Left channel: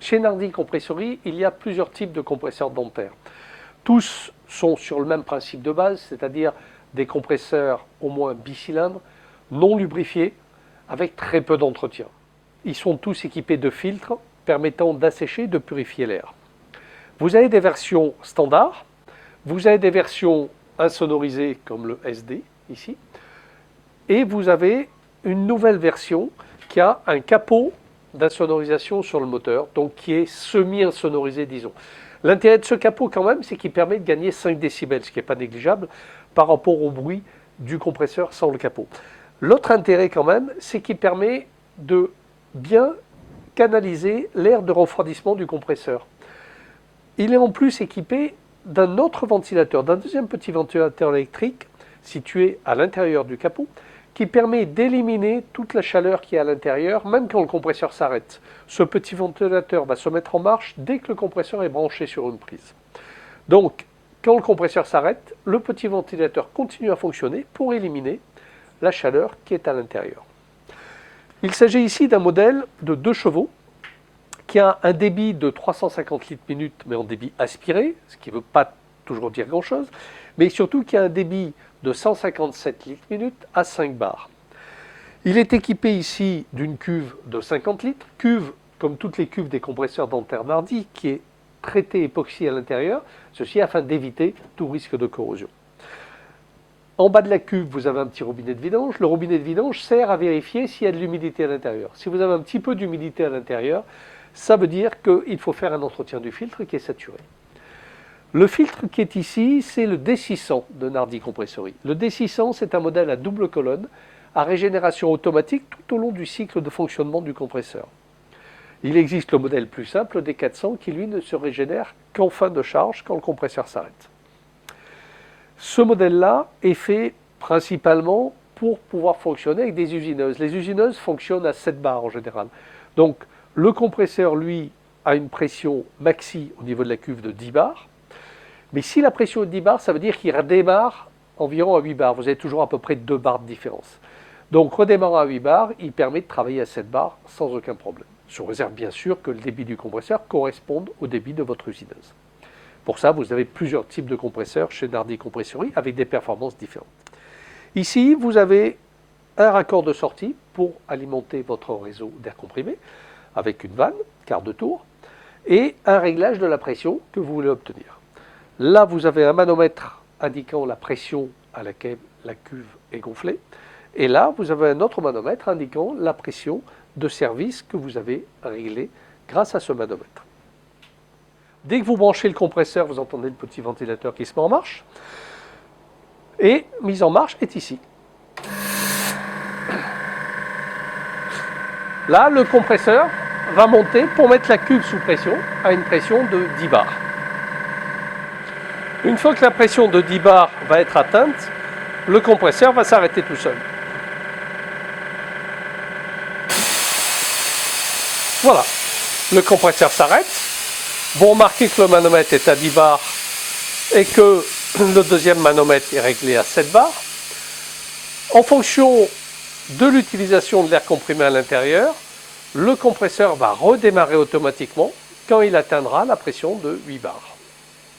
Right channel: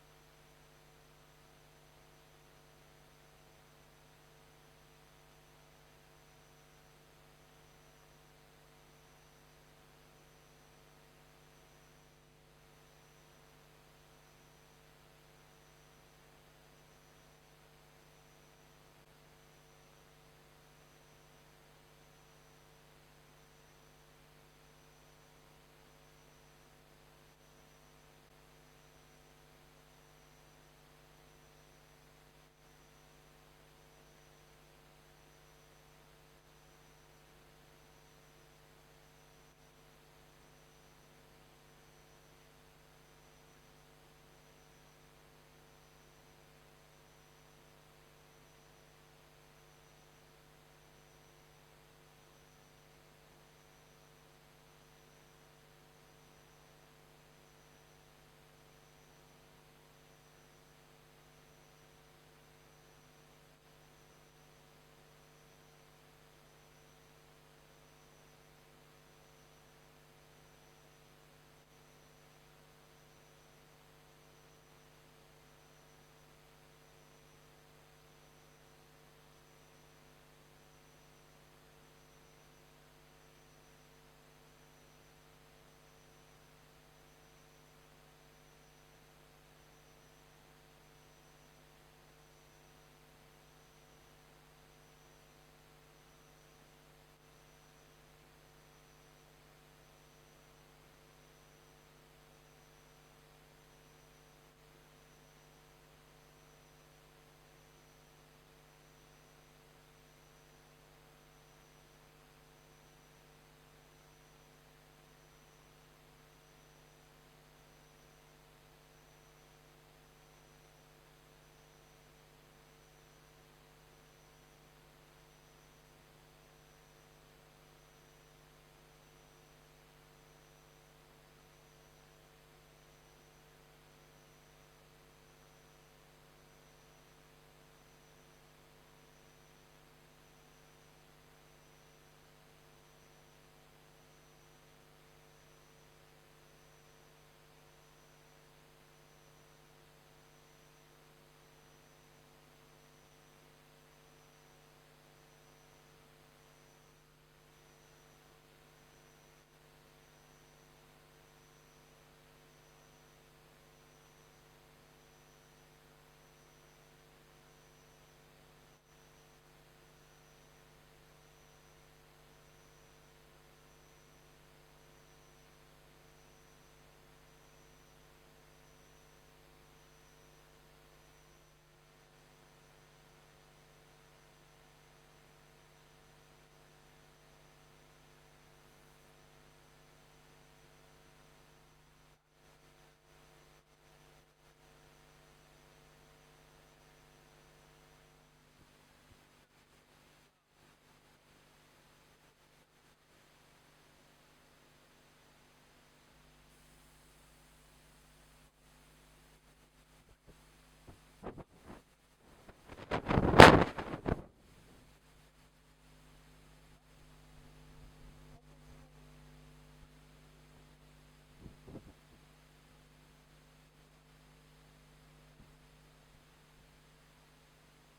Chez Nardi Compressory, il y a plusieurs types de compresseurs dentaires. Tous sont sur le même principe de base, c'est-à-dire des compresseurs au moins bicylindres, non lubrifiés, avec très peu d'entretien. Ils sont tous équipés de filtres permettant d'assécher et de purifier l'air. Vous avez des versions standards, vous avez des versions insonorisées comme le SD ici, et vous avez une nouvelle version qui a un capot d'insonorisation sur le moteur, donc qui est semi-insonorisé, disons. L'intérêt de ce capot quand même, c'est qu'il permet de gagner 5 décibels, ce qui n'est pas négligeable par rapport au bruit du compresseur sans le capot. L'autre intérêt quand même, c'est qu'il permet de bien canaliser l'air de refroidissement du compresseur. Il est en plus équipé d'un autre ventilateur, d'un deuxième petit ventilateur électrique situé à l'intérieur du capot, qui permet d'éliminer toute la chaleur qui est à l'intérieur, même quand le compresseur s'arrête. Ce petit ventilateur va se mettre en marche dès que le compresseur est branché sur une prise. Donc, quand le compresseur s'arrête, le petit ventilateur continue à fonctionner pour éliminer la chaleur qui est à l'intérieur. Il s'agit ici d'un modèle de 2 chevaux qui a un débit de 350 litres minute, mais en débit aspiré, ce qui ne veut pas toujours dire grand-chose, mais surtout qui a un débit de 157 litres minute à 5 bars. Il est équipé ici d'une cuve de 50 litres, cuve comme toutes les cuves des compresseurs dentaires Nardi, qui est traitée époxy à l'intérieur, ceci afin d'éviter tout risque de corrosion. En bas de la cuve, vous avez un petit robinet de vidange. Le robinet de vidange sert à vérifier s'il y a de l'humidité à l'intérieur. Si vous avez un petit peu d'humidité à l'intérieur, ça veut dire qu'il faut faire un entretien du filtre qui est saturé. Le filtre qui est ici, c'est le D600 de Nardi Compressory. Le D600, c'est un modèle à double colonne, à régénération automatique tout au long du cycle de fonctionnement du compresseur. Il existe le modèle plus simple, le D400, qui lui ne se régénère qu'en fin de charge, quand le compresseur s'arrête. Ce modèle-là est fait principalement pour pouvoir fonctionner avec des usineuses. Les usineuses fonctionnent à 7 bars en général. Donc le compresseur, lui, a une pression maxi au niveau de la cuve de 10 bars. Mais si la pression est de 10 bars, ça veut dire qu'il redémarre environ à 8 bars. Vous avez toujours à peu près 2 bars de différence. Donc redémarrant à 8 bars, il permet de travailler à 7 bars sans aucun problème. Sous réserve bien sûr que le débit du compresseur corresponde au débit de votre usineuse. Pour ça, vous avez plusieurs types de compresseurs chez Nardi Compressory avec des performances différentes. Ici, vous avez un raccord de sortie pour alimenter votre réseau d'air comprimé avec une vanne, quart de tour, et un réglage de la pression que vous voulez obtenir. Là, vous avez un manomètre indiquant la pression à laquelle la cuve est gonflée. Et là, vous avez un autre manomètre indiquant la pression de service que vous avez réglée grâce à ce manomètre. Dès que vous branchez le compresseur, vous entendez le petit ventilateur qui se met en marche. Et mise en marche est ici. Là, le compresseur va monter pour mettre la cuve sous pression à une pression de 10 bars. Une fois que la pression de 10 bars va être atteinte, le compresseur va s'arrêter tout seul. Voilà, le compresseur s'arrête. Vous remarquez que le manomètre est à 10 bars et que le deuxième manomètre est réglé à 7 bars. En fonction de l'utilisation de l'air comprimé à l'intérieur, le compresseur va redémarrer automatiquement quand il atteindra la pression de 8 bars.